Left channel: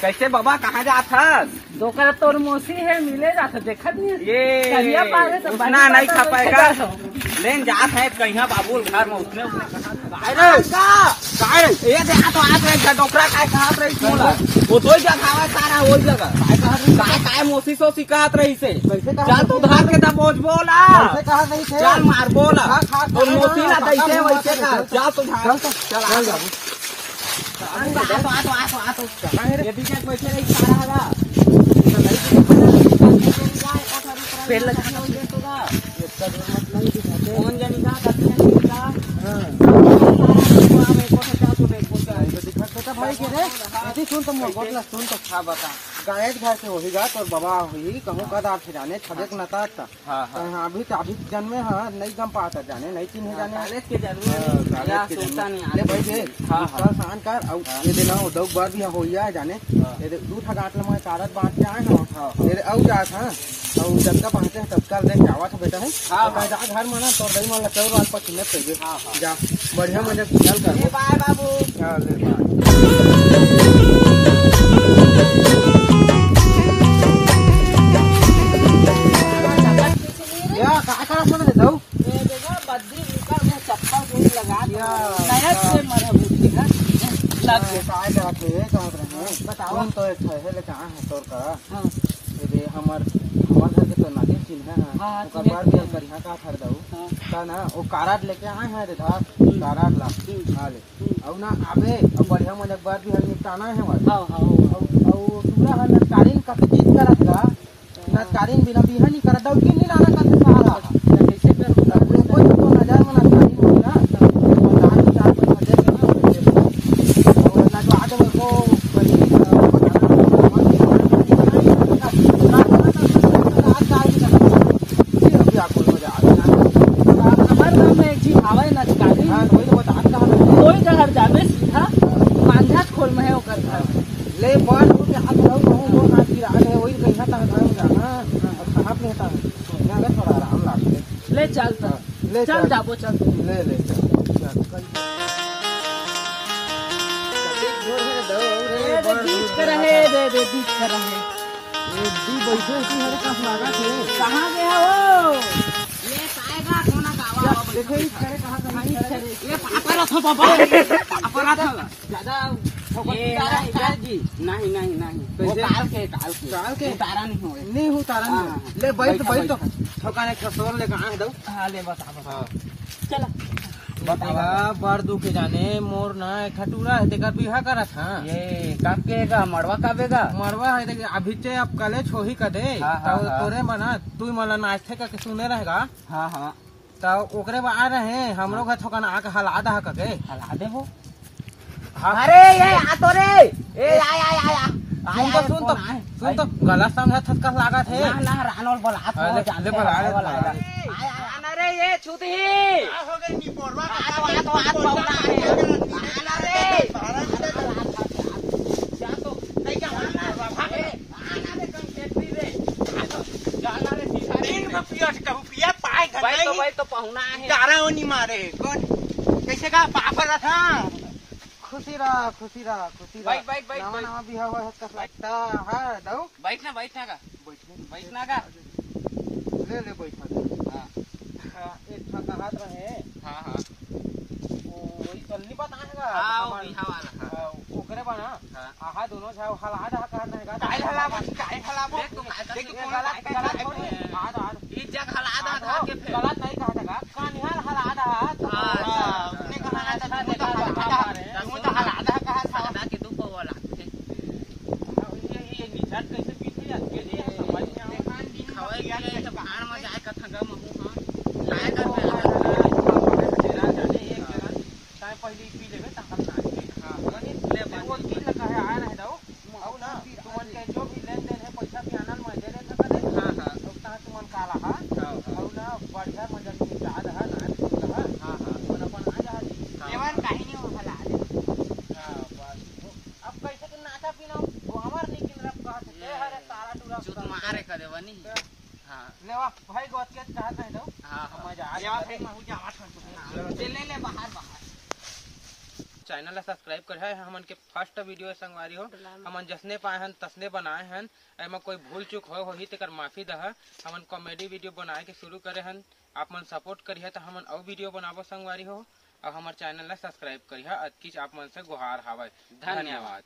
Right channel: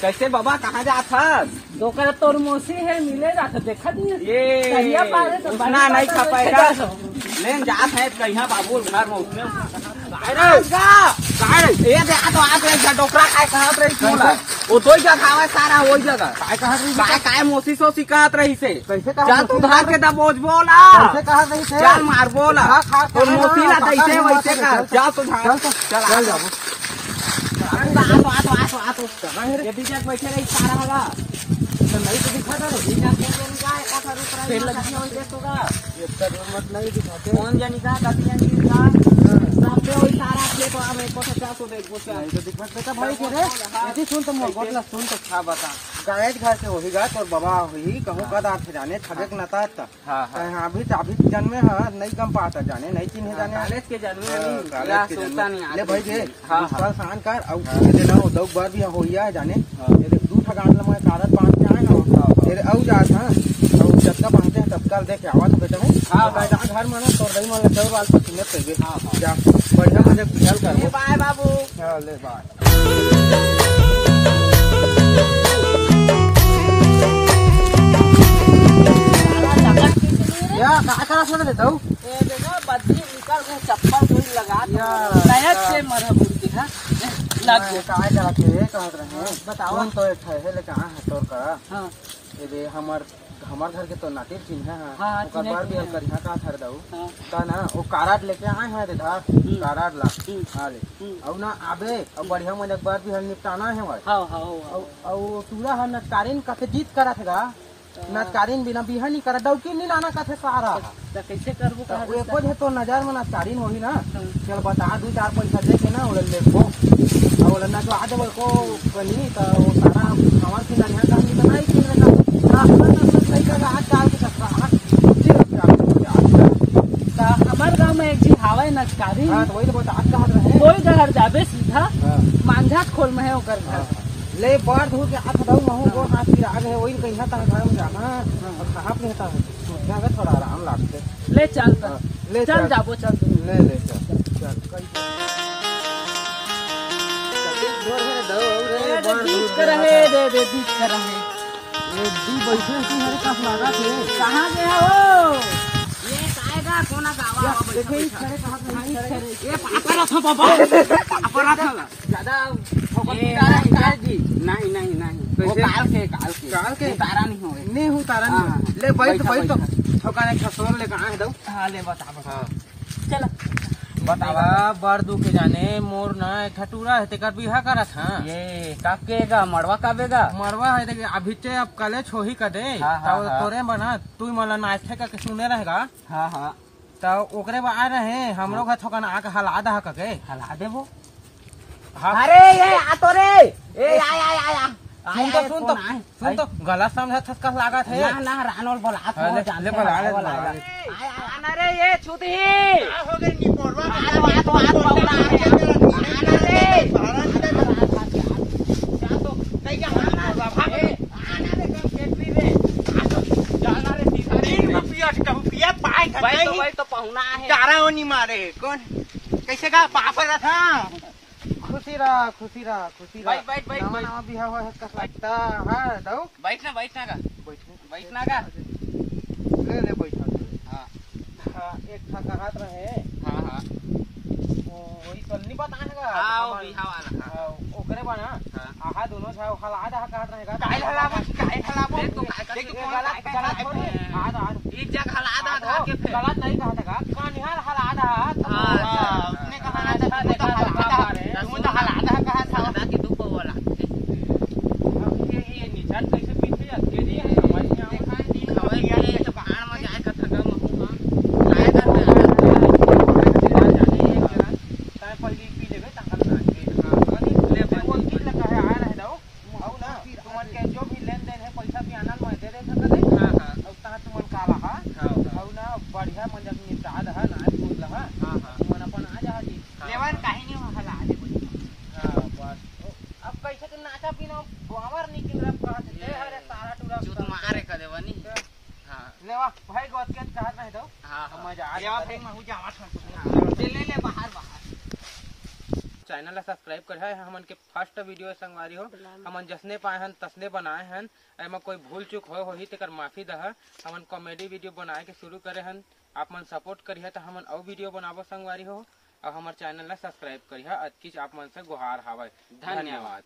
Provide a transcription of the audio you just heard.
कैसे बाबा कहाँ जात हस? दोकर तोर मौसी है मिले जात देखा दिए ये पावे तो उतना नहीं खा पाएगा। लेन जात है कहीं बाबू घर में उसने ये देखा तो आप रही डोकरा काय कहत रही वो तो ही जगह हवा सारा वही जगह काय मोसी सो सिखात रही से चल तू धार के दब बोझ बोला चल मार बोला और मोसी ना कैसे वैसे कर जा तू धार चल जाबू आतो ये बीच में बैठे रही सारा होगा फिर लगती है वही होगा इतना जरूरत नहीं दिखाते कौन जानी का कति जानी का सारा को तो तो देख बोलता है जो दिखत था भाई के रे ऐसे सुन तो बोतला सुन तो खा बता गाय घर से वही गाय और बाबा वही कहूं का आप जाने ठगक नता था हां अभी जन्मे हां नहीं कम पाता जाने नहीं चिन्ह जाने कॉलेज के जन्मे या सोचता नहीं अरे भाई जे हां खान कर और ये देना दो बार भी होइया जाने ये देख दू ठगान ल मैं कारत बांध के आए ना तेरे औ जात हां और जब का बांधते तत्काल देख जावा तो बेटा हूं हां बेटा घर में ना तोर दही मन चौर वाल पर चिन्ह पे हां जा बढ़िया मजे चल कर बाय बाबू या का सुन देता हूं ये देखा बद्दी निकल में चप्पल थोड़ी लगा नया से मरा बुद्धि है लग के काय करा के कहत रहे बताओ तो एक है ले कहां है तोर का हां ये हमर घर के तो नाते चिन्ह है हां ओकर बार भी कर यहां का खर दऊ का ना वो काराट लेके आए हैं इधर काराट ला हां ले औ ना आबे और बढ़िया मन एक बार भी हल निपटाना है हां हां और पूरा हन कारिन का जीत करत गा नटकारीन बिना बिहानी कर दऊ कि नहीं लाना का सहारा कैसे कर कोई तो नजर में नटकारीन होगी ना बता के 4 पैसा दे के ना और देखो और ना तो आज को बनी बताना सामान भी ना हमारे गांव में एक चीज आवे नटकारी हां वही तो बता का कोई जगह जाबे सीधा मांझा खोल में है ओकर घर ले बंद हो के हाथ रहू हूं दो हाथ की आग है वही कहीं हाथ घर में जाना और कहां पे होता है सोचना है थोड़ा आराम लागते ले चल ले चल जाबो चल ले चल बीच कर रहे दे बीच कर रहे ये दी बैठे इसी हरे का लगा थे कहां गया हो ये आएगा कोना गावा देखो इस खड़े कहां ये पापा था ज्यादा जी नहीं वो काल के उतारा नहीं उतारा नहीं ले बैठ तो ठोकाने खसोर ले कहां है दो हां ले बता चल बतावा बड़ दुख जाने मोर ना खटूरा है तेकर बिहा करत हां ये कब केगा मरवा कबेगा मरवा है देख अभी ते अब कॉलेज हो ही कर दे तोरे बना तू मला नाश्ते का सुने रहेगा हां हां तो ओकरे बा आ रहे हमरो घर ठोकाना आके हला दे हला देबो अरे ये आ तो रे ए आया सुन तो गलत समझा थका लागत है ना रानोल बोला ले बोला अरे ये छुती हो गई नी पोरवा आना रे जा तो नहीं क्या भागे आना रे कम फैक्ट्री रे जाना रे सीधा दिन में पिया पाए भाई तो पहुना है चारा ओनी मारे कौन कैसे का पापड़ था खुशी रहा बैठ नवा भी हवा है कस लगता है दो बैठना का ले बैठा हां एक ठका हाथ रहे हां वही चलनी बताएगा हां वो बिहा वाला ओकरे बना आहा दोनों छा हला आधा काट रहेगा काय हला देख तो देख गलत आधा एक जगह हला आधा के फिर गलत नहीं कहा था का निहाल हला आधा हां उसने कहा आधा देखा तो हला आधा कहा था आधा के दो वाला अब ये निशान कैसे पीछे के लिए समझ नहीं देखा दिन खवाई गया तो बाहर में जाए का थका में हूं हां लाए करते जाने एक काय पहले पी लेबे ताकत ना हां ले वो की लगा है आ रहे दो औ ना तुमन के जो भी लेन देन है पैसा भी आनल में दे दे थका दे हां अब ता तुमन काला हां औ ना बढ़िया मंजन की चाद है ना तुम लगा हां मन अपन आ जा जी लेवन काहे नहीं हला दे हां बस अब कैसे के नाचा पीना हमार निकल रब कहा से हरे सारा टूरा जो तुम मारे कर देवनी हां लेवा भाई गोत के कहत नहीं दो हां मजा आ लेवा फिर मैं हूं जावा ले बाहर चैनल ला सब्सक्राइब कर है हमन के फर्स्ट वीडियो संगवारी हो हमन जसने पाए हन तसने बनाए हन एमा कोई भूल चूक होही तेकर माफी दह। हमन कॉमेडी वीडियो बनाए के शुरू करे हन आप मन सपोर्ट करिए तो हमन अउ वीडियो बनाबो संगवारी हो और हमार चैनल ला सब्सक्राइब करिए। अतकीच आप मन से गुहार हावय। धन्यवाद।